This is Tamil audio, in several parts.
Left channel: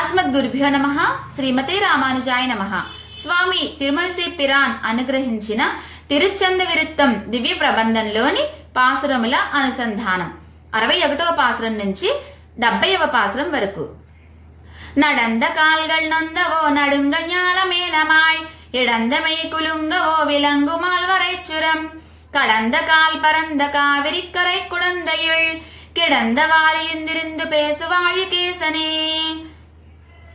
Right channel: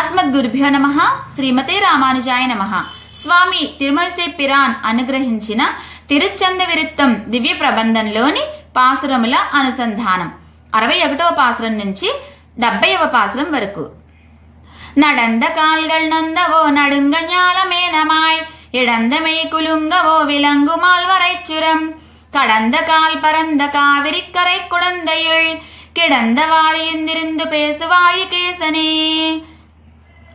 అస్మద్గురుభ్యో నమః. శ్రీమతే రామానుజాయ నమః. స్వామి తిరుమలసై పిరాన్ అనుగ్రహించిన తిరుచ్చంద విరుత్తం దివ్య ప్రబంధంలోని పాసురముల అనుసంధానం 61వ పాసురం నుంచి 70వ పాసురం వరకు. நடந்த கால்கள் நொந்தவோ நடுங்க ஞாலமேனமாய் இடந்தமை குலுங்கவோ விலங்கு மால்வரைச்சுரம் கடந்த கால் பரந்த காவிரிக்கரை குழந்தையுள் கிடந்தவாறு இந்திருந்து பேசுவாயு கேசனே.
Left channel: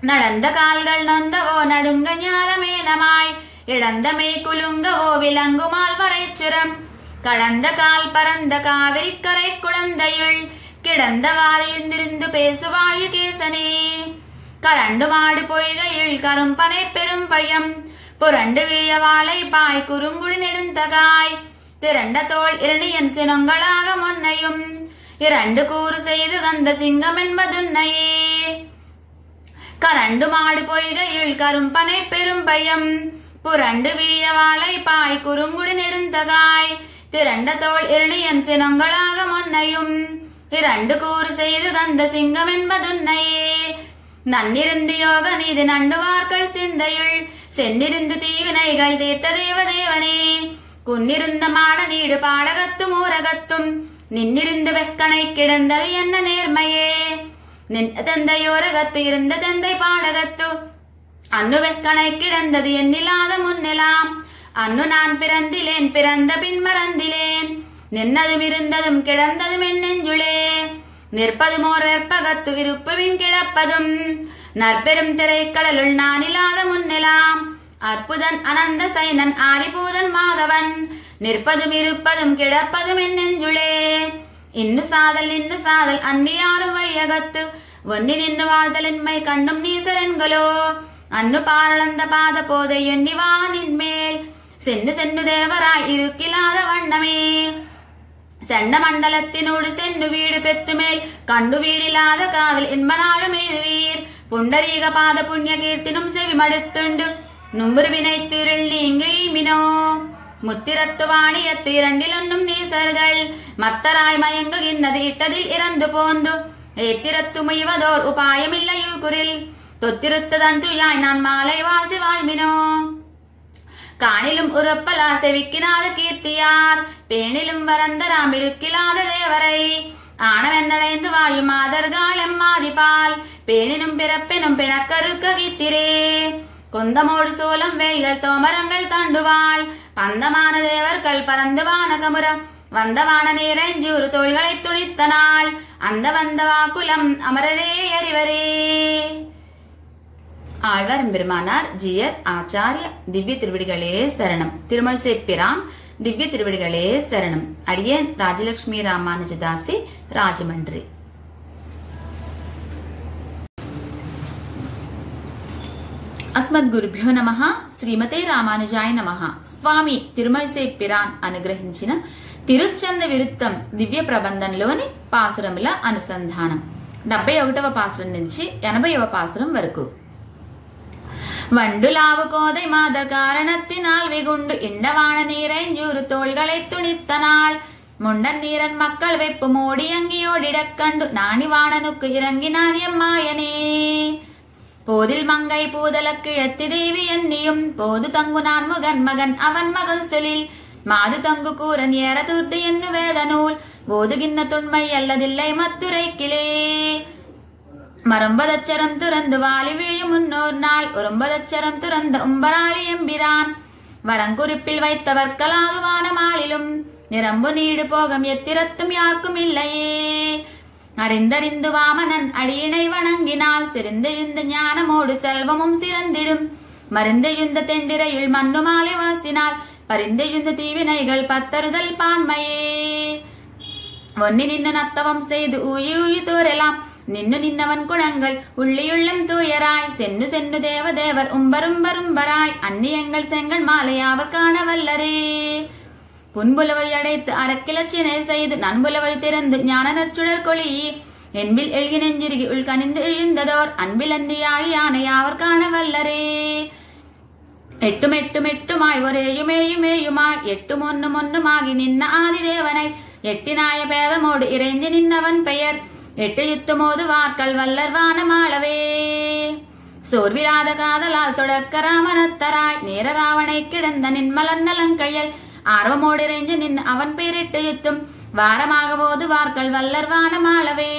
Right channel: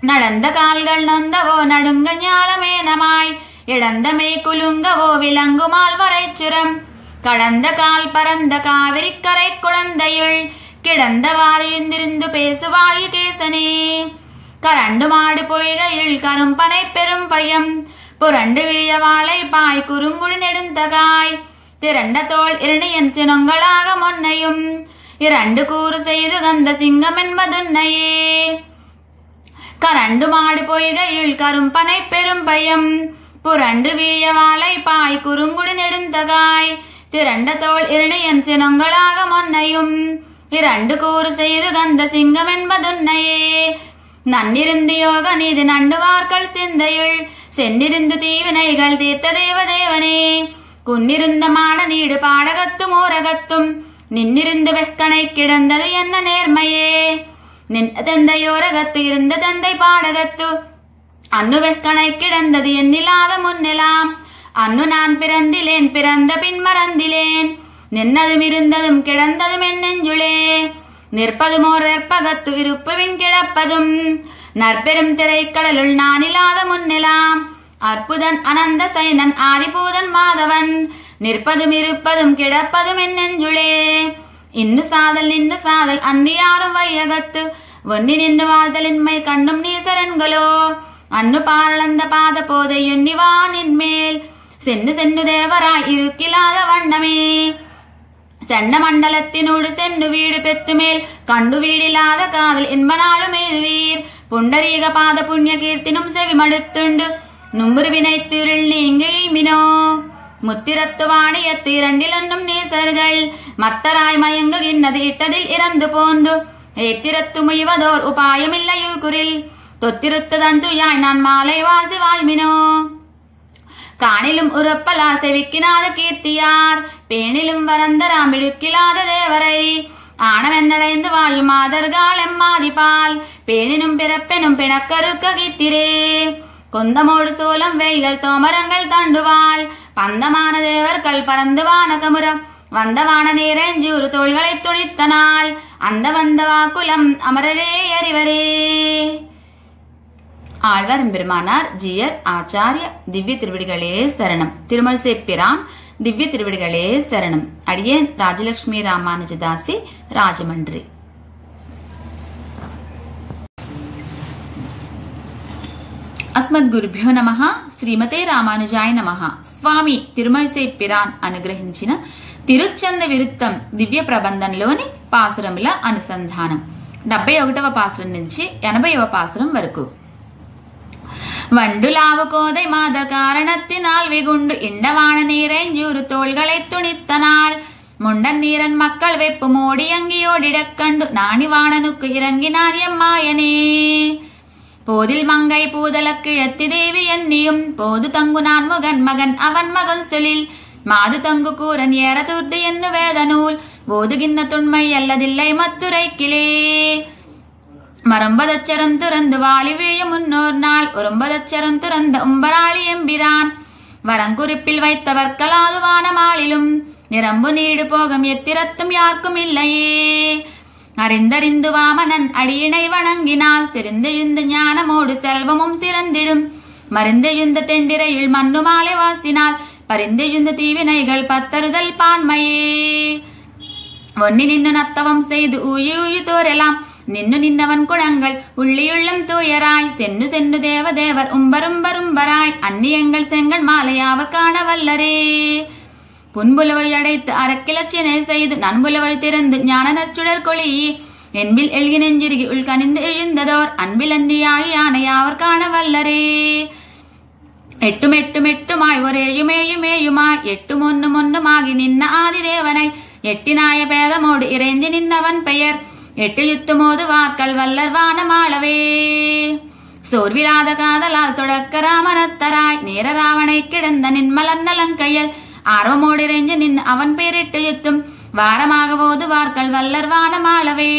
நடந்த கால்கள் நொந்தவோ நடுங்க ஞாலமேனமாய் இடந்தமை குலுங்கவோ விலங்கு மால்வரைச்சுரம் கடந்த கால் பரந்த காவிரிக்கரை குழந்தையுள் கிடந்தவாறு இந்திருந்து பேசுவாயு கேசனே. கரண்டு மாடு பொய்கையில் கரும்பனை பெரும் பயம் புரண்டு வீழ வாழை பாய் குறுங்குடி நெடுந்தகாய் திரண்ட தோல் இரணியன் சினங்களாக மொன்னையும் இரண்டு கூறு செய்து கந்த சிங்கம் என்பதுன்னையே. கரண்டு மாடு பொய்கையில் கரும்பனை பெரும் பயம் புரண்டு வீழ வாழை பாய் குறுங்குடி நெடுந்தகாய் திரண்ட தோல் இரணியன் சினங்களாக மொன்னையும் இரண்டு கூறு செய்து கந்த சிங்கம் என்பதுன்னையே. நன்னிருந்து யோக நீதி நண்டுவார்கள் சிந்தையுள் சென்னிருந்து தீவினைகள் தீர்த்த தேவதேவனே. குன்னிருந்த மாட நீடு பாடகத்தும் ஊரகத்தும் நின்னிருந்து வெக்கனை கிடந்தது என்ன நேர்மையே. நின்ற தந்தையோரகத்து இருந்த தந்தை பாடகத்து அன்னு வெக்கனை கிடந்தது எண்ணில்லாத முன்னெலாம். அன்னு நான் பிறந்திலேன் பிறந்த பின் மறந்திலேன் நின்னதும் இருந்ததும் கிடந்ததும் என் நெஞ்சுளே. நிற்பதும் ஓர் வெற்பகத்து விருப்புவின் கிடப்பதும் நற்பெரும் திரைக்கடலுள் நான் இல்லாத முன்னெலாம். அற்புதன் அனந்த சைனன் ஆதிபூதன் மாதவன் நிற்பதும் இருப்பதும் கிடப்பதும் என் நெஞ்சுளே. இன்னு சாதல் அன்னு யாரும் வையகத்து ஒன்னி நின்று வாழ்தலின்மை கண்ணும் நீசரன்களோ. அன்னு பாரளந்த பாத போதை எண்ணிவானின் மேல் சென்னு சென்னு தேவராய் இருக்கிலாத வண்ணமே. சென்ன மண்டலத்தினோடு சென்னு வீடு பெத்து மேல் கண்டு வீடில்லாத காதல் என்பனாலும் எய்துவீர். புண்டரீக பாத புண்ணிய கீர்த்தினும் செவி மடுத்துண்டு நும்புரு வினைத்திருள் நீங்கிமினோ. முத்திரத்து வாணியத்து இரண்டிலொன்னும் நீசர்கள் மத்தராய் மயங்குகின்றது இட்டதில் இறந்து போந்து ஏத்திரத்து முய்வதோர் உபாயமில்லையுகுரில் தொத்திருத்ததன் துயாய் நான் மாலை வாழ்சி வாழ்மினோ. காணிலும் உறப்பலா செவிக்கினாத கீர்த்தியார் பேணிலும் வரந்தராம் இடுக்கிலாத தேவரை ஆனவென்னடைந்து வாழும் ஆதர்கால் எம்மாதிபால் பேணினும் பிறப்பெனும் பிணக்கருக்க கீத்திரே. கொந்தமோடு சோளம் வேல்கள் தோமரங்கள் தாண்டுவாள் பந்தமான தேவர்கள் பறந்து வானகமுறம் வந்தவான நீரஞ்சூறு தோள்களை துணித்த நாள் அந்த வந்த வாக்குலம் அமரரே அறிவரே. ஆழ்வார் எம்பெருமானார் ஜீயர் ஆச்சாரிய திவ்ய திருவடிகளே சரணம். திருமலசை பிரான் திவ்ய திருவடிகளே சரணம். அடியேன் ராஜலட்சுமி ராமானுஜதாசி, ராஜமன்றி. అస్మద్గురుభ్యో నమః. శ్రీమతే రామానుజాయ నమః. స్వామి తిరుమలసై పిరాన్ అనుగ్రహించిన తిరుచ్చంద విరుత్తం దివ్య ప్రబంధంలోని పాసురముల అనుసంధానం 71వ పాసురం నుంచి 80వ పాసురం వరకు. வண்டுலாவு கோதை மாதர் காரணத்தினால் வெகுண்டு இண்டவான நீரைஞ்சூறு தோள்களை துணித்த நாள் முண்டன் நீரன் மக்கள் வெப்பு மோடி அங்கியோடிடக்கண்டு நாணிவாணனுக்கு இறங்கினான் எம்மாயனே. போதில் மங்கை பூதலக் கிழத்தி தேவி எண்ணியும் போது தங்கு நான் முகன் மகன் அவன் மகன் செலில் மாது தங்கு கூரன் ஏற தூர்த்து என்னு வேத நூல் போதுகின்ன துண்மை அல்லதில்லை மத்துரைக்கிலே. மரம்பதச்சரம் துறந்து வாலி வீழும் முன்னோர் நாள் ஒரும்பதச்சரம் துறந்த உம்பராளி எம்பிரான் வரங்குறிப்பில் வைத்தவர்கலாது வானமாளிலும் நிரம்பு நீடு போகம் எத்திரத்தும் யாருக்கும் இல்லையே. அறிந்தறிந்து வாமனன் அடியினை வணங்கினால் சிறந்தெழுந்த ஞானமோடு செல்வமும் சிறந்திடும் மறிந்தெழுந்த தெண்டிரையில் மண்ணு மாலை வாழ்த்தினால் பரிந்தெழுந்த தீவினைகள் பத்தறுதல் பான்மையே. ஒன்னி நின்று நத்தவம் செய்து ஊழி ஊழி தோரெல்லாம் நின்னு நின்னவன் குணங்கள் உள்ளியுள்ளம் தூயராய் சென்னு சென்னு தேவதேவர் உம்பரும்பரும்பராய் அந்நியங்கள் செங்கன் மாலையாவர் காண வல்லரே. புன்புலவழி அடைத்து அறக்கிளச்சினை செய்து நண்புலவழி திறந்து ஞான நற்சுடர் கொளி என்பில் எழுகி நெஞ்சிருகி உள்கனிந்து எழுந்ததோர் அன்பில் அன்னியாழி யானையாவர் காண வல்லரே. எட்டும் எட்டும் எட்டுமாய் ஒரேயுமேயுமேயுமாய் எட்டும் ஒன்னும் ஒன்னுமாகி நின்ன ஆதிதேவனை எட்டினாய பேதமோடு இறைஞ்சி நின்னவன் பெயர் எட்டு யுத்துமோது வார்கள் வல்லர் வானமாளவே. சோர்விலாத காதலால் தொடக்க ராமனத்தராய் நேர ராவணை கிடந்த நின்மலன் நலங்கையல் ஆர்வமோடு இறைஞ்சு நின் அவன் பேரிட்டு யுத்தும் வாரமாக போது வார்கள் வல்லர் வானமாளவே.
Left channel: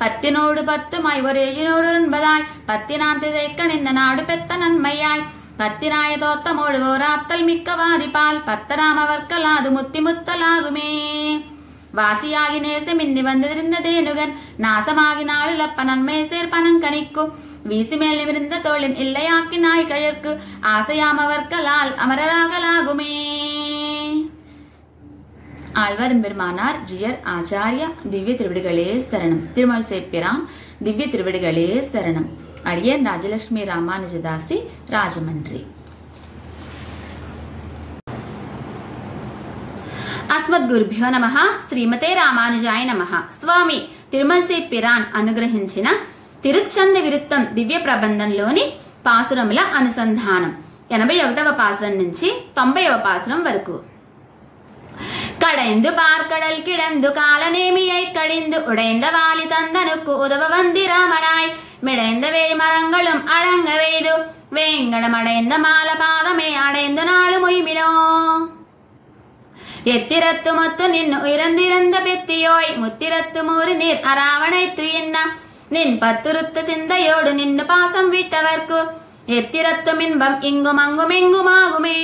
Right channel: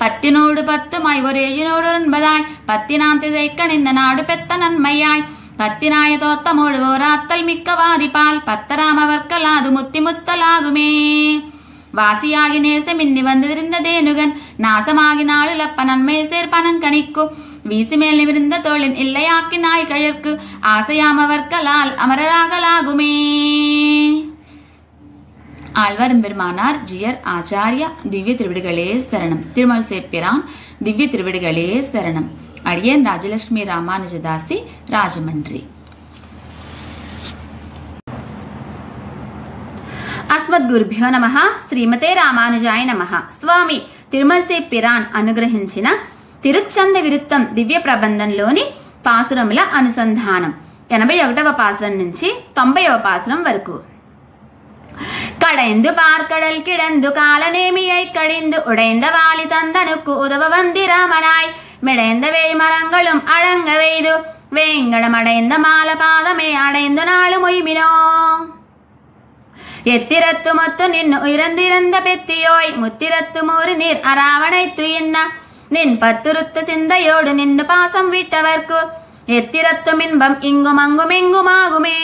10 10 ஒரு 7 9 10 திசைக்க நின்ன நாடு பெத்த நன்மையாய் 10 தோத்தமோடு ஓராத்தல் மிக்க வாதிப்பால் 10 அவர்க்கலாது முத்தி முத்தலாகுமே. வாசியாகி நேசமின்னி வந்திருந்ததேனுகன் நாசமாகி நாளுலப்ப நன்மை சேர் பனங்கனிக்கு வீசுமேல் நிமிர்ந்த தோளின் இல்லையாக்கி நாய் கயற்கு ஆசையாமவர்க்கலால் அமரராகலாகுமே. ஆழ்வார் பெருமானார் ஜியர் ஆச்சாரியா திவ்ய திருவிடுகளே சரணம். திருமல் சேப்பிரான் திவ்ய திருவிடுகளே சரணம். அடியன் ராஜலட்சுமி ராமானுஜதாசி, ராஜமன்றி. அஸ்மத் குருபியோ நமஹ. శ్రీమతే రామానుజాయ నమః. స్వామి తిరుమల సేపిరాన్ అనుగ్రహించిన తిరుచంద విరుత్తం దివ్య ప్రబంధంలోని పాసురముల అనుసంధానం 81వ పాసురం నుంచి 90వ పాసురం వరకు. கடைந்து பார்க்கடல் கிடந்து காலநேமியை கடிந்து உடைந்த வாலி தந்தனுக்கு உதவ வந்தி ராமனாய் மிடைந்த வேய் மரங்களும் அழங்க வெய்து வேங்கடம் அடைந்த மால பாதமே அடைந்து நாளு மொய்மினோ. எத்திரத்து மொத்து நின்னு உயர்ந்திருந்த பெத்தியோய் முத்திரத்து மூறு நீர் அராவணை துயின்ன நின் பத்துருத்த சிந்தையோடு நின்னு பாசம் விட்டவர்க்கு எத்திரத்தும் இன்பம் இங்கும் அங்கும் எங்குமாகுமே.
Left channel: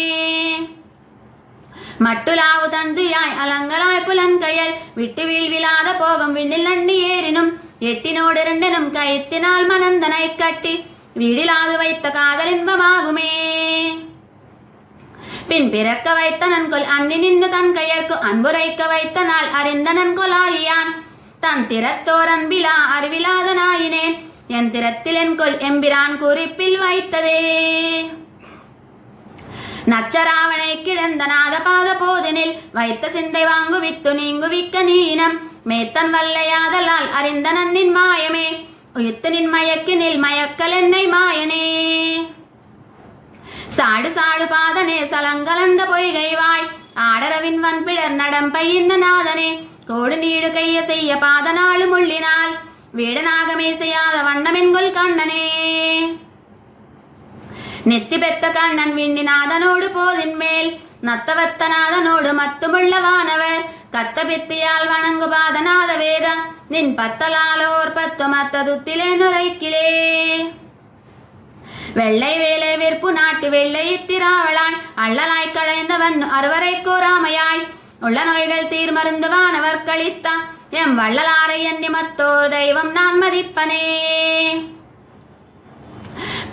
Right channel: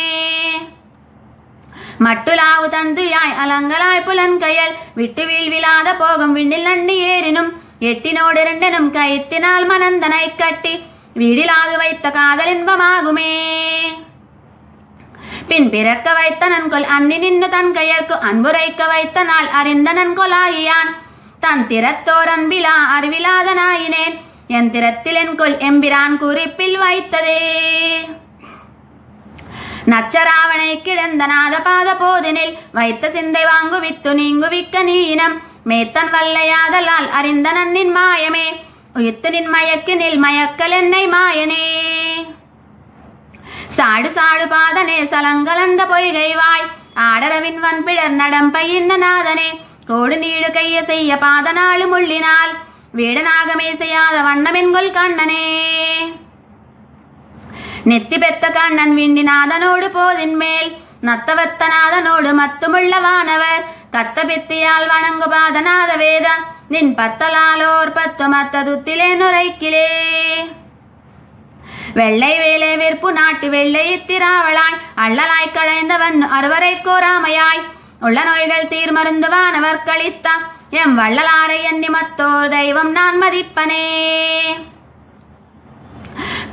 மட்டுலாவு தந்துயாய் அலங்கலாய் புலன்கையல் விட்டு வீழ்விலாத போகும் விண்ணில் நண்டு ஏறினும் எட்டினோடு இரண்டனும் கைத்தினால் மனந்தனை கட்டி வீடிலாது வைத்த காதல் இன்பமாகுமே. பின் பிறக்க வைத்த நன்கொல் அன்னி நின்று தன் கையற்கு அன்புரைக்க வைத்த நாள் அறிந்த நன்கொலாகியான் தன் திறத்தோர் அன்பிலா அறிவிலாத நாயினேன் என் திறத்தில் என்கொல் எம்பிரான் குறிப்பில் வைத்ததே. நச்சராவணை கிடந்த நாத பாத போதனில் வைத்த சிந்தை வாங்கு வித்து நீங்கு விக்க நீனம் மேத்தன் வல்லையாதலால் அறிந்த நன்னின் மாயமே உயிர்த்து நின் மயக்கினில் மயக்கல் என்னை மாயனே. சாடு சாடு பாதனே சலங்கலந்த பொய்கைவாய் ஆடரவின் வன்பிடர் நடம்பையின்ன நாதனே கோடு நீடு கைய செய்ய பாதனாலு முள்ளினால் வீடனாகமே செய்யாத வண்ணமென்கொல் கண்ணனே. நெத்தி பெத்த கண்ணன் விண்டிநாதனோடு போதின் மேல் நத்தவத்த நாதனோடு மத்துமுள்ள வானவர் கத்த பித்தியால் வணங்கு பாதநாத வேத நின் பத்தலாலோர் 10 மத்ததுத்திலே நுரைக்கிலே. வெள்ளை வேலை வெறுப்பு நாட்டு வெள்ளை இத்திராவளாய் அள்ளலாய் கடைந்தவன் அறுவரை கோராமையாய் உள்ள நோய்கள் தீர் மருந்து வானவர் கழித்த எம் வள்ளலாரை எண்ணி மத்தோர் தெய்வம் நான் மதிப்பனே.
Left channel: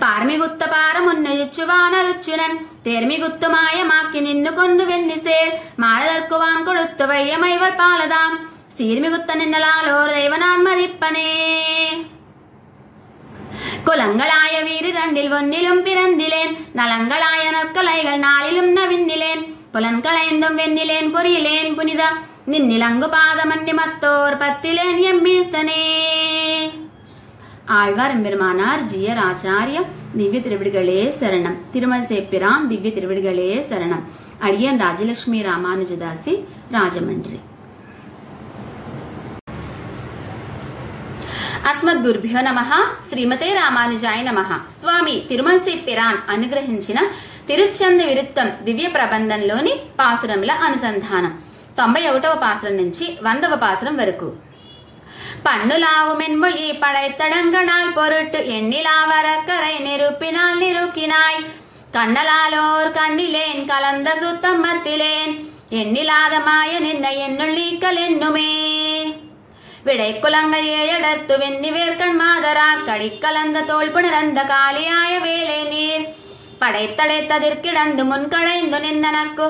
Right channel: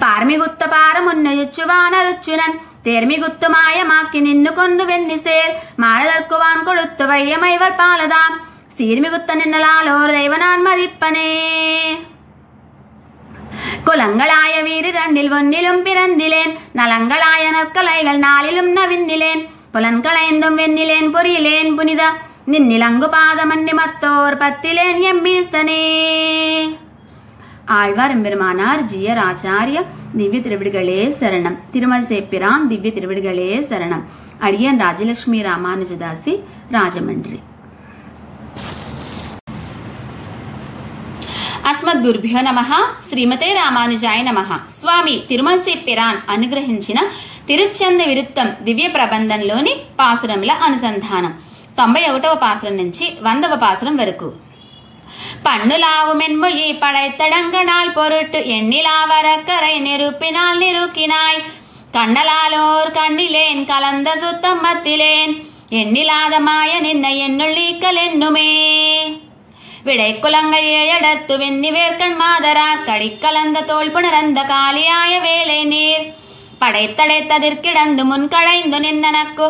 பார்மிகுத்த பாரமுன்னையுச்சுவான ருச்சுனன் தேர்மிகுத்து மாயமாக்கி நின்னு கொண்டு வெண்ணி சேர் மாறதற்குவான் கொடுத்து வையமைவர் பாலதாம் சீர்மிகுத்த நின்னலாலோர் தெய்வ நான் மதிப்பனே. குலங்களாய வீடு 2 ஒன்னிலும் பிறந்திலேன் நலங்களாய நற்கலைகள் 4 நவின்னிலேன் புலன்களைந்தும் வெண்ணிலேன் பொறியிலேன் புனித நின்னிலங்கு பாதமன்னி மத்தோர் 10 எம்மீசனே. ஆழ்வார் எம்பெருமானார் ஜியர் ஆச்சாரிய திவ்ய திருவிடுகளே சரணம். திருமல் சேப்பிரான் திவ்ய திருவிடுகளே சரணம். அடியன் ராஜலட்சுமி ராமானுஜதாசி, ராஜமன்றி. అస్మద్ గురుభ్యో నమః. శ్రీమతే రామానుజాయ నమః. స్వామి తిరుమల సేపిరాన్ అనుగ్రహించిన తిరుచంద విరుత్తం దివ్య ప్రబంధంలోని పాసురముల అనుసంధానం 91వ పాసురం నుంచి 100వ పాసురం వరకు. பண்ணுலாவு மென்மொழி படைத்தடங்கனால் பொருட்டு எண்ணிலாவரக்கரை நெருப்பினால் நெருக்கினாய் கண்ணலாலோர் கண்ணிலேன் கலந்த சுத்தம் மத்திலேன் எண்ணிலாத மாய நின்ன என்னுள் நீக்கல் என்னுமே. விடை குலங்கள் ஏயடத்து வெண்ணி வேர்க்கண் மாதரார் கடிக்கலந்த தோல் புணரந்த காலியாய வேலை நீர் படைத்தடைத்ததிர்கிடந்து முன்களைந்து நின்னனக்கு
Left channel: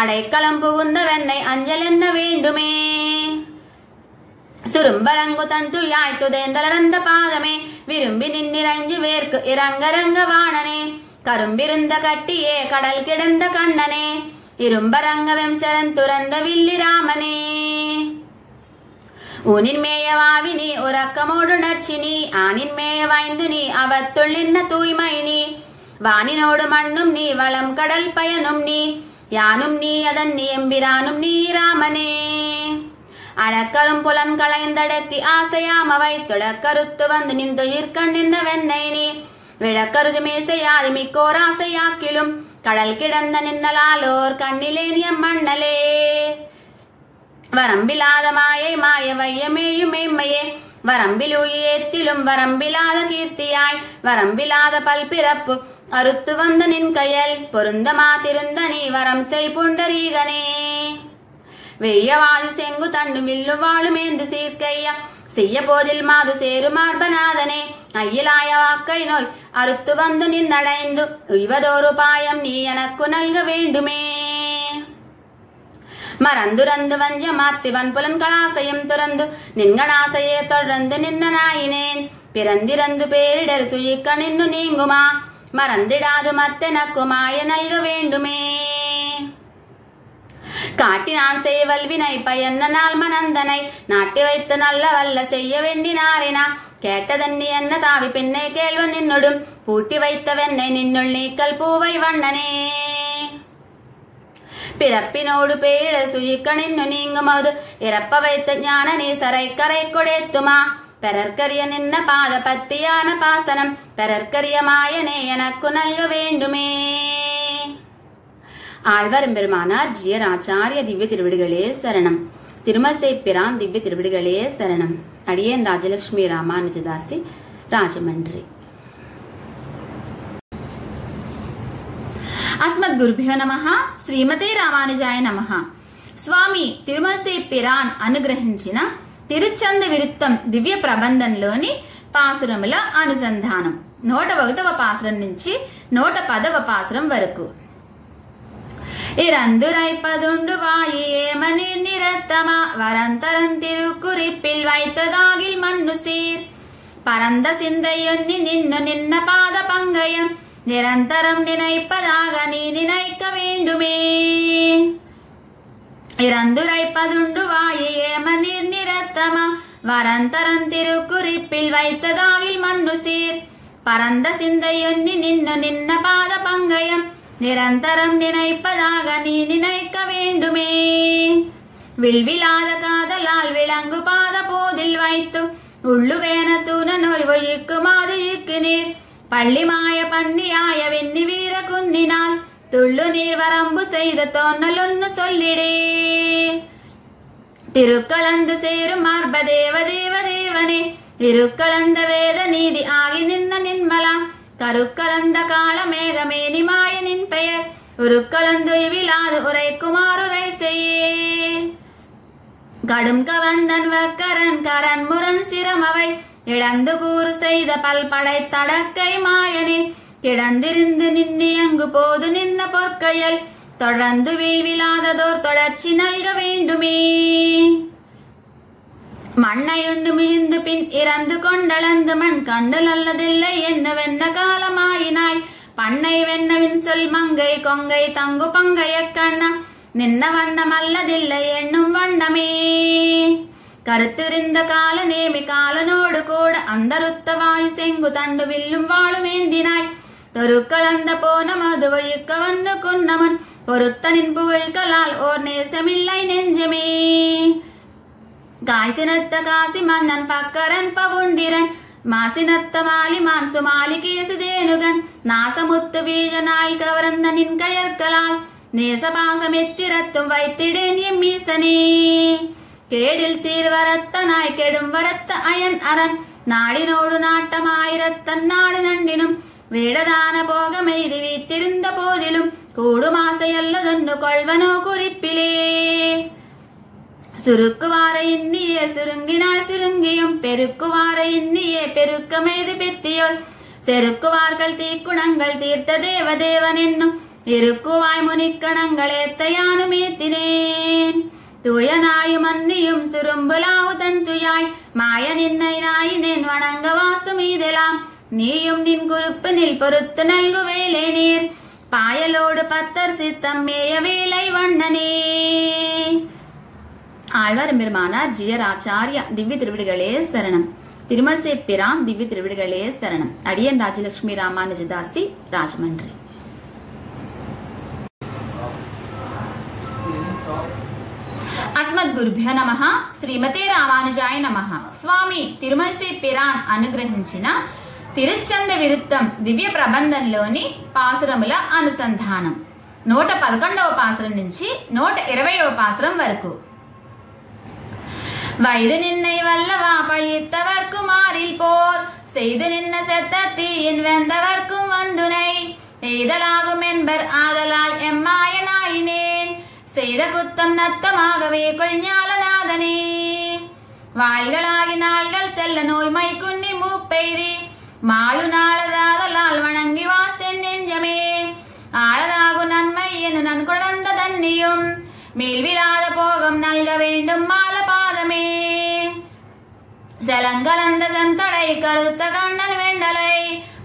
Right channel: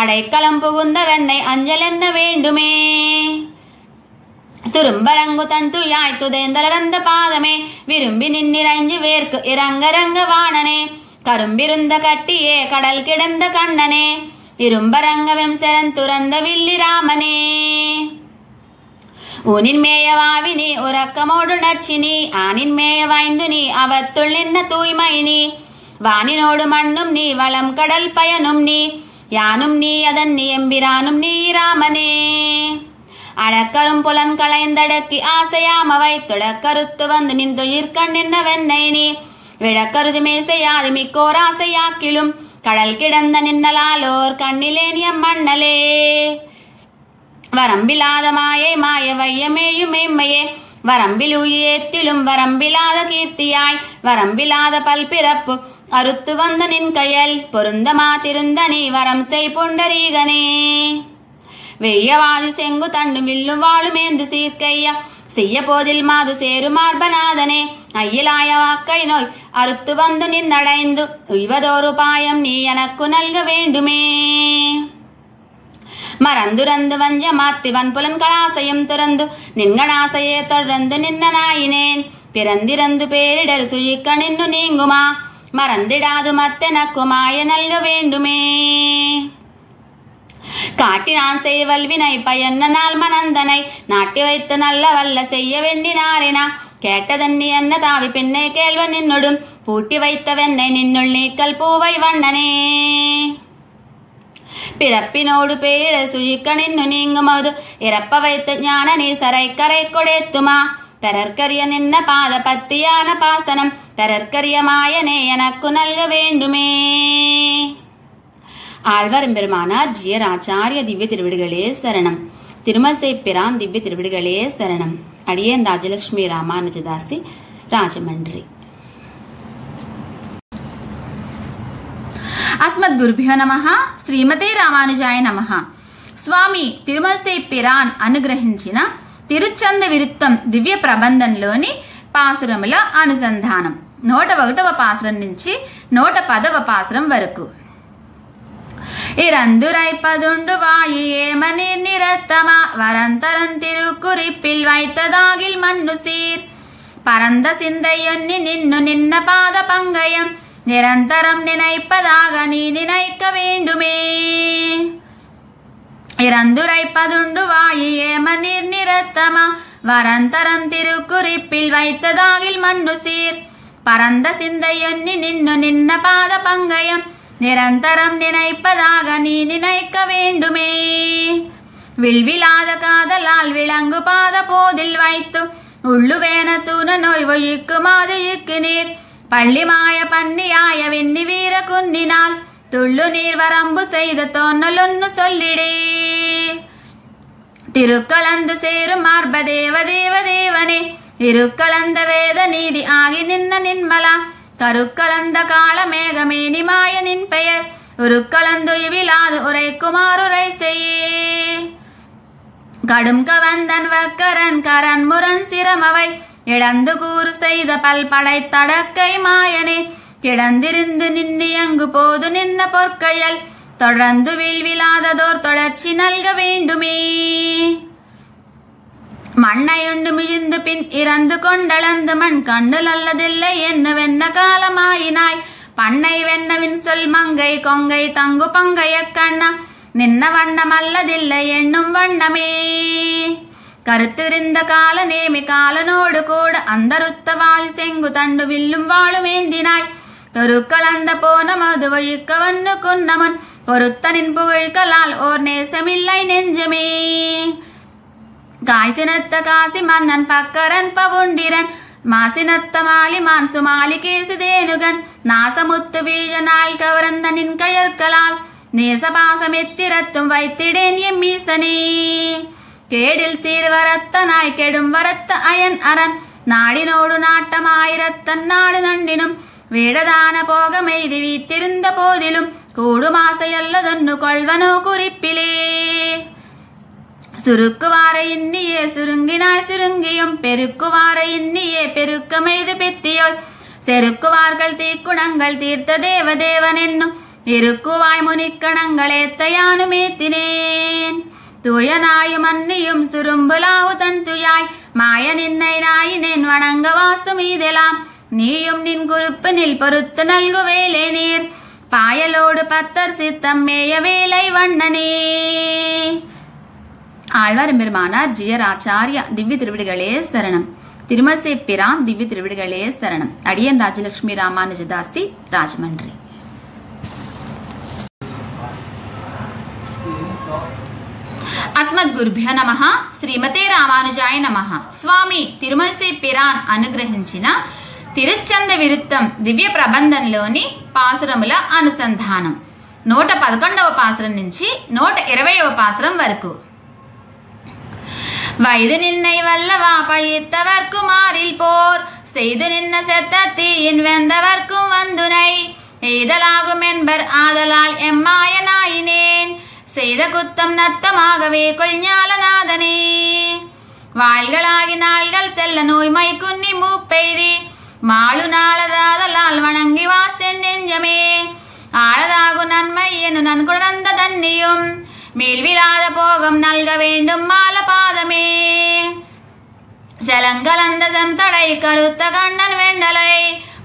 அடைக்கலம் புகுந்த வெண்ணை அஞ்சல் என்ன வேண்டுமே. சுரும்பரங்கு தன் துயாய் துதைந்தலர்ந்த பாதமே விரும்பி நின்னிறைஞ்சு வேர்க்கு இறங்கரங்க வாணனே கரும்பிருந்த கட்டியே கடல் கிடந்த கண்ணனே இரும்பரங்கவெம் செரந்துறந்த வில்லி ராமனே. ஊனின் மேயவாவினி உறக்கமோடு நர்ச்சினி ஆனின் மேய வாய்ந்து நீ அவத்துள் நின்ன தூய்மை நீ வானினோடு மண்ணும் நீ வளம் கடல் பயனும் நீ யானும் நீ அதன் நீ எம்பிரானும் நீ ராமனே. அழக்கரும் புலன் களைந்தடக்கி ஆசையாம வைத்துடக்கருத்து வந்து நின் துயிர்கண் நின்ற வெண்ணை நீ விழக்கருது மேசையாது மிக்கோர் ஆசையாக்கிலும் கடல் கிடந்த நின்னலாலோர் கண்ணிலேனியம் மண்ணலே வரம்பிலாத மாயை மாய வையமேயும் மெய்மையே வரம்பில் உயேத்திலும் வரம்பிலாத கீர்த்தியாய் வரம்பிலாத பல்பிறப்பு அறுத்து வந்த நின் கையல் பொருந்தமா திருந்த நீ வரம் செய் புண்டரீகனே வெய்யவாதி செங்கு தண்டும் வில்லும் வாழுமேந்து சீர்க்கையா செய்ய போதில் மாது சேரு மார்பநாதனே ஐயிலாய வாக்கை நோய் அறுத்து வந்து நின்னடைந்து உய்வதோரு பாயம் நீ எனக்கு நல்க வேண்டுமே மறந்துரந்து வஞ்ச மாத்திவன் புலன் களாசையும் துறந்து நின்களாசையே தொடர்ந்து நின்னனாயினேன் பிறந்திறந்து பேரிடர் சுழிக்க நின்னு நீங்குமா மறந்திடாது மத்தெனக்கு மாய நல்க வேண்டுமே காட்டினான் செய்வல்வினை பயன்ன நாள் மனந்தனை நாட்டி வைத்து நல்ல வல்ல செய்ய வேண்டினாரினா கேட்டதன்னி என்ன தாவி பின்னை கேள்வன் நின்னுடும் பூட்டி வைத்த வெண்ணை நின்னுள் நீக்கல் பூவை வண்ணனே பிறப்பினோடு பேரிட சுழிக்க நின்னு நீங்குமது இறப்ப வைத்து ஞான நீசரை கரை கொடேத்துமா பெறற்கரிய நின்ன பாத பத்தியான பாசனம் பெறற்கரிய மாயனே எனக்கு நல்க வேண்டுமே ஆழ்வார் பெருமானார் ஜியர் ஆச்சாரிய திவ்ய திருவிடுகளே சரணம். திருமசை பிரான் திவ்ய திருவிடுகளே சரணம். அடியேன் ராஜலட்சுமி ராமானுஜதாசி, ராஜமன்றி. அஸ்மத் குருபியோ நமஹ. శ్రీమతే రామానుజాయ నమః. స్వామి తిరుమలసై పిరాన్ అనుగ్రహించిన తిరుచంద విరుత్తం దివ్య ప్రబంధంలోని పాసురముల అనుసంధానం 101వ పాసురం నుంచి 110వ పాసురం వరకు. இறந்துரைப்பதுண்டு வாயி ஏமனி நிறத்தமா வரந்தரன் திருக்குறிப்பில் வைத்ததாகில் மண்ணு சீர் பரந்த சிந்தையொன்னி நின்னு நின்ன பாத பங்கயம் நிரந்தரம் நினைப்பதாக நீ நினைக்க வேண்டுமே. இறந்துரைப்பதுண்டு வாயி ஏமனி நிறத்தமா வரந்தரன் திருக்குறிப்பில் வைத்ததாகில் மண்ணு சீர் பரந்த சிந்தையொன்னி நின்னு நின்ன பாத பங்கயம் நிரந்தரம் நினைப்பதாக நீ நினைக்க வேண்டுமே. வில்விலாத காதலால் விளங்கு பாத போதில் வைத்து உள்ளுவேன தூண நோய் ஒழிக்குமாது இக்கு நீர் பள்ளிமாய பன்னியாய வெண்ணி வீர குன்னினால் துள்ளு நீர் வரம்பு செய்த தோன்னலொன்னு சொல்லிடே. திருக்கலந்து சேரும் மார்ப தேவ தேவ தேவனே இருக்கலந்த வேத நீதி ஆகி நின்ன நின்மலா கருக்கலந்த கால மேகமேனி மாயனின் பெயர் உருக்கலந்து இவிலாது உரைக்குமாறுரை செய்யே. கடும் கவந்தன் வக்கரன் கரன் முரண் சிரமவை இழந்து கூறு செய்த பல்படை தடக்கை மாயனே கிடந்திருந்து நின்னியங்கு போது நின்ன பொற்கையல் தொடர்ந்து வீழ்விலாததோர் தொடர்ச்சி நல்க வேண்டுமே. மண்ணையுண்டு மிழிந்து பின் இறந்து கொண்டளந்து மண் கண்டு நல்லதில்லை என்ன வெண்ண காலமாயினாய் பண்ணை வெண்ணவின் சொல் மங்கை கொங்கை தங்கு பங்கைய கண்ணா நின்ன வண்ணம் அல்லதில்லை என்னும் வண்ணமே. கருத்திருந்த கால நேமி காலனோடு கூட அந்தருத்த வாயு செங்கு தண்டு வில்லும் வாழுமேந்தினாய் தொருக்கலந்த போன மது ஒழிக்க வன்னு குன்னமன் பொருத்தனின் புகழ்களால் ஓர் நேசமில்லை நெஞ்சமே. காய்சினத்த காசி மன்னன் பக்கரன் பவுண்டிரன் மாசினத்த மாலிமான் சுமாலி கேசுதேனுகன் நாசமுத்து வீழ நாள் கவர்ந்த நின் கயற்களால் நேசபாசம் எத்திரத்தும் வைத்திடேன் எம்மீசனே. கேடில் சீர்வரத்தனாய் கெடும் வரத்த அயன் அரண் நாடினோடு நாட்டமாயிரத்தன் நாடு நண்டினும் வேடதான போக மெய்தி வீத்திருந்த போதிலும் கூடுமாசையல்லதொன்னு கொள்வனோ குறிப்பிலே. சுருக்குவார இன்னியே சுருங்கினாய் சுருங்கியும் பெருக்குவார இன்னியே பெருக்க மெய்து பித்தியோய் செருக்குவார்கள் தீக்குணங்கள் தீர்த்த தேவதேவன் என்னும் இருக்குவாய் முனிக்கணங்கள் ஏத்தையானும் ஏத்தினேன். தூயனாயும் அன்னியும் சுரும்புலாவு தன் துயாய் மாய நின்னை நாயினேன் வணங்க வாசு மீதெலாம் நீயும் நின் குறிப்பினில் பொறுத்து நல்கு வேலை நீர் பாயலோடு பத்தர் சித்தம் மேய வேலை வண்ணனே. ஆழ்வார் பெருமானார் ஜியர் ஆச்சாரிய திவ்ய திருவிடுகளே சரணம். திருமசை பிரான் திவ்ய திருவிடுகளே சரணம். அடியேன் ராஜலட்சுமி ராமானுஜதாசி, ராஜமன்றி. அஸ்மத் అస్మద్గురుభ్యో నమః. శ్రీమతే రామానుజాయ నమః. స్వామి తిరుమలసి పిరాన్ అనుగ్రహించిన తిరుచ్చంద విరుత్తం దివ్య ప్రబంధంలోని పాసురముల అనుసంధానం 111వ పాసురం నుంచి 120వ పాసురం వరకు. வைது நின்னை வல்லவா பழித்தவர்க்கு மாறில் போர் செய்து நின்ன செத்தத்தீயின் வெந்தவர்க்கும் வந்துனை எய்தலாகும் என்பர் ஆதலால் எம்மாயனாயினேன் செய்த குத்தம் நத்தமாகவே கொள்ஞாலநாதனே. வாள்களாகி நாள்கள் செல்ல நோய்மை குன்னி மூப்பெய்தி மாளு நாளதாதலால் வணங்கி வாசென் நெஞ்சமே ஆழதாகு நன்மை என நன்குணர்ந்த தன்னியும் மேல்விலாத போகம் நல்க வேண்டும் மாலபாதமே. செலங்கலந்த செந்தடை கருத்த கண்ணன் வெண்டலை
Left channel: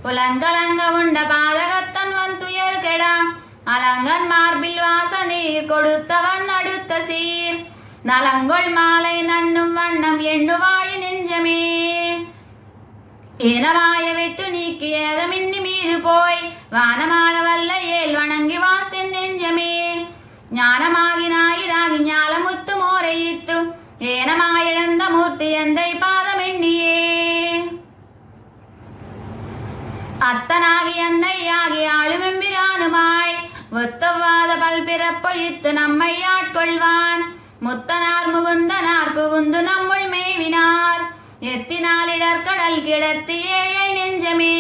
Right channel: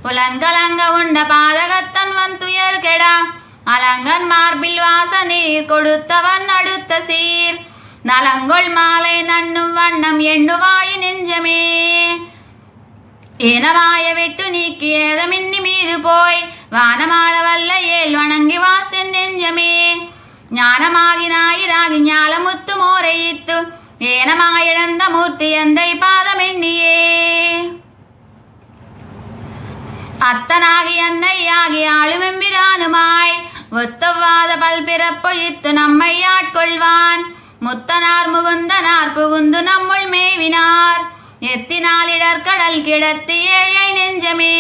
புலன்கலங்க உண்ட பாதகத்தன் வந்துயர் கெடா அலங்கன் மார்பில் வாசநீர் கொடுத்தவன் அடுத்த சீர் நலங்கொள் மாலை நண்ணும் வண்ணம் எண்ணுவாய் நெஞ்சமே. ஏனமாய வெட்டு நீக்கி ஏதமின்னி மீது போய் வானமாள வல்ல ஏல் வணங்கி வாசென் நெஞ்சமே ஞானமாகி ஞாயிறாகி ஞாலமுத்து மோரையித்து ஏனமாயிழந்த மூர்த்தி எந்தை பாதமெண்ணியே. அத்தனாகி அன்னையாகி ஆளுமெம்பிரானுமாய் ஒத்தவாத பல்பிறப்பொழித்து நம்மை ஆட்கொள்வான் முத்தனார் முகுந்தனார் புகுந்து நம்முள் மேவினார் எத்தினால் இடர்கடல் கிடத்தி ஏழை நெஞ்சமே.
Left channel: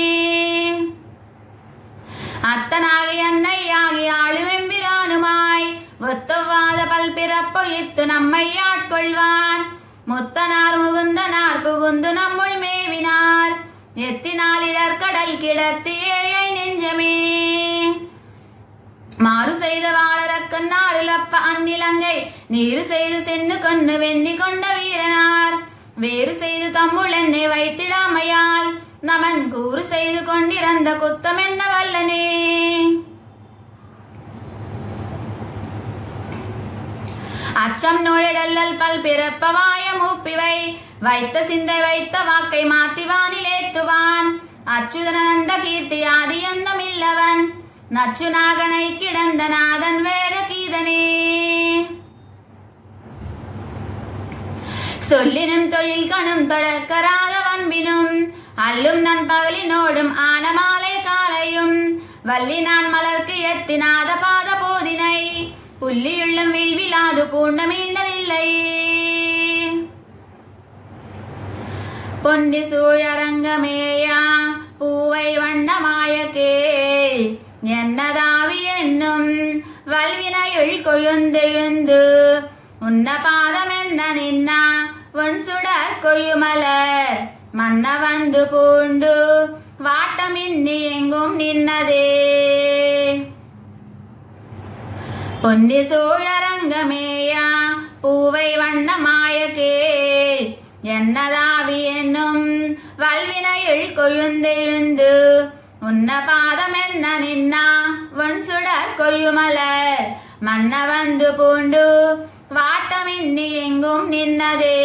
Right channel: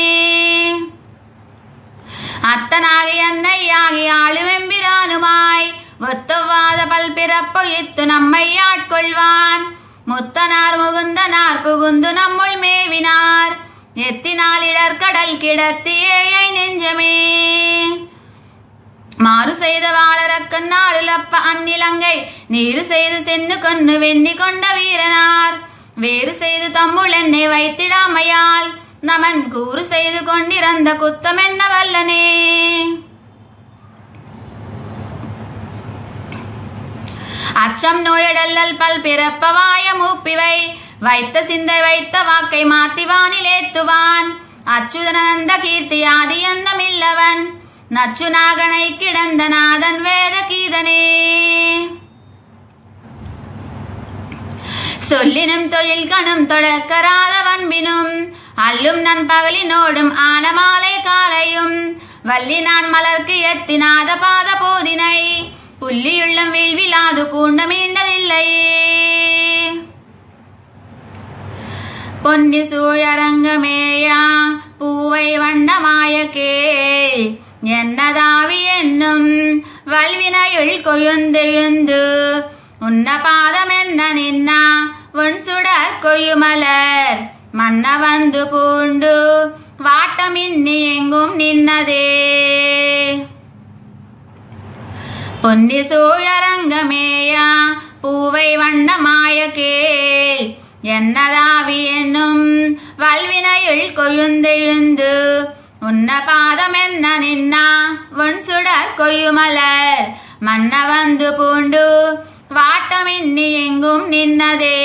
அத்தனாகி அன்னையாகி ஆளுமெம்பிரானுமாய் ஒத்தவாத பல்பிறப்பொழித்து நம்மை ஆட்கொள்வான் முத்தனார் முகுந்தனார் புகுந்து நம்முள் மேவினார் எத்தினால் இடர்கடல் கிடத்தி ஏழை நெஞ்சமே. மாறு செய்த வாழறக்கன் நாளுலப்ப அந்நிலங்கை நீரு செய்து சென்னு கொன்னு வெண்ணி கொண்ட வீரனார் வேறு செய்து தம்முள் என்னை வைத்திடாமையால் நமன் கூறு செய்து கொண்டிருந்த குத்தமென்ன வல்லனே. அச்சம் நோயடல்லல் பல் பிறப்பவாய மூப்பிவை வைத்த சிந்தை வைத்த வாக்கை மாத்தி வானிலேத்துவான் அச்சுதனந்த கீர்த்தி ஆதி அந்தமில்லவன் நச்சு நாகனை கிடந்த நாதன் வேத கீதனே. சொல்லினும் தொழில் கணும் தொடக்கராத வன்பினும் அல்லும் நண்பகலினோடும் ஆனமாலை காலையும் வள்ளி நான் மலர்க்கு எத்தினாத பாத போதினை புள்ளியுள்ளம் வீழ்விலாது பூண்ட மீண்டதில்லையே. பொன்னி சூழரங்கமேயா பூவை வண்ணமாய கேள் என்னதாவி என்னும் வல்வினையுள் கொழுந்தெழுந்து உன்ன பாதம் என்ன நின்னா உன் சுடர் கொழுமலர் மன்ன வந்து பூண்டு வாட்டமின்னி எங்கும் நின்னதே. பொன்னி சூழரங்கமேயா பூவை வண்ணமாய கேள் என்னதாவி என்னும் வல்வினையுள் கொழுந்தெழுந்து உன்ன பாதம் என்ன நின்னா உன் சுடர் கொழுமலர் மன்ன வந்து பூண்டு வாட்டமின்னி எங்கும் நின்னதே.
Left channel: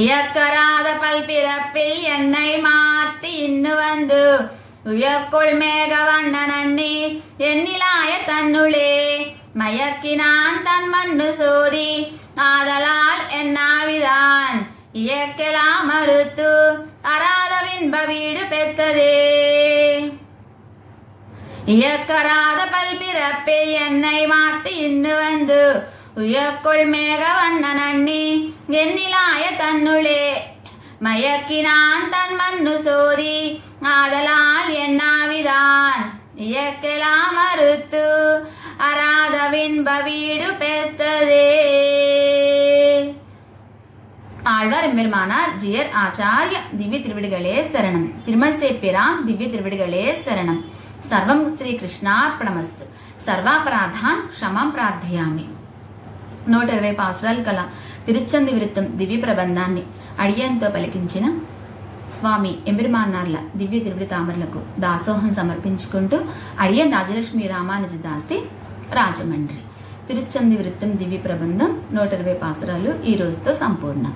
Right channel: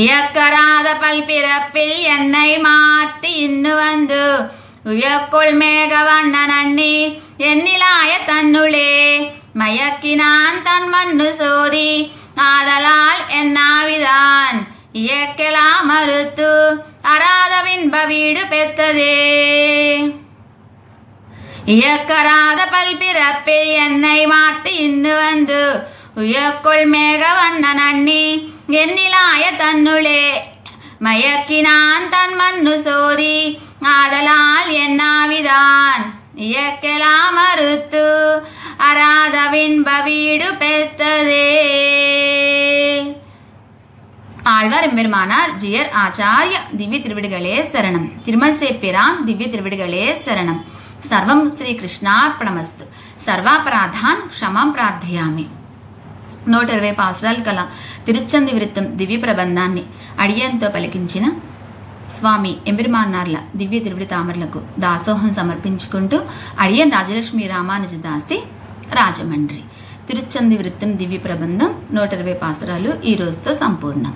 இயக்கராத பல்பிறப்பில் என்னை மாத்தி இன்னு வந்து உயக்குள் மேக வண்ணன் அண்ணி எண்ணிலாய தன்னுளே மயக்கினான் தன் மண்ணு சோதி ஆதலால் என்னாவிதான் இயக்கலாம் மறுத்து அராத வின்ப வீடு பெற்றதே. இயக்கராத பல்பிறப்பில் என்னை மாத்தி இன்னு வந்து உயக்குள் மேக வண்ணன் அண்ணி எண்ணிலாய தன்னுளே மயக்கினான் தன் மண்ணு சோதி ஆதலால் என்னாவிதான் இயக்கலாம் மறுத்து அராத வின்ப வீடு பெற்றதே. ஆழ்வார் எம்பெருமானார் ஜியர் ஆச்சாரிய திவ்ய திருவிடுகளே சரணம். திருமல்சே பிரான் திவ்ய திருவிடுகளே சரணம். సర్వం శ్రీకృష్ణార్పణమస్తు. సర్వాపరాధాన్ క్షమాం ప్రార్థయామి. 120 పాసురాలు కల తిరుచ్చంది విరుత్తం దివ్య ప్రబంధాన్ని అడియంతో పలికించిన స్వామి ఎంబెరుమాన్నార్ల దివ్య తిరువిడి తామరలకు దాసోహం సమర్పించుకుంటూ అడియన్ రాజలక్ష్మి రామానుజ దాసి రాజమండ్రి. తిరుచ్చంది విరుత్తం దివ్య ప్రబంధం 120 పాసురాలు ఈ రోజుతో సంపూర్ణం.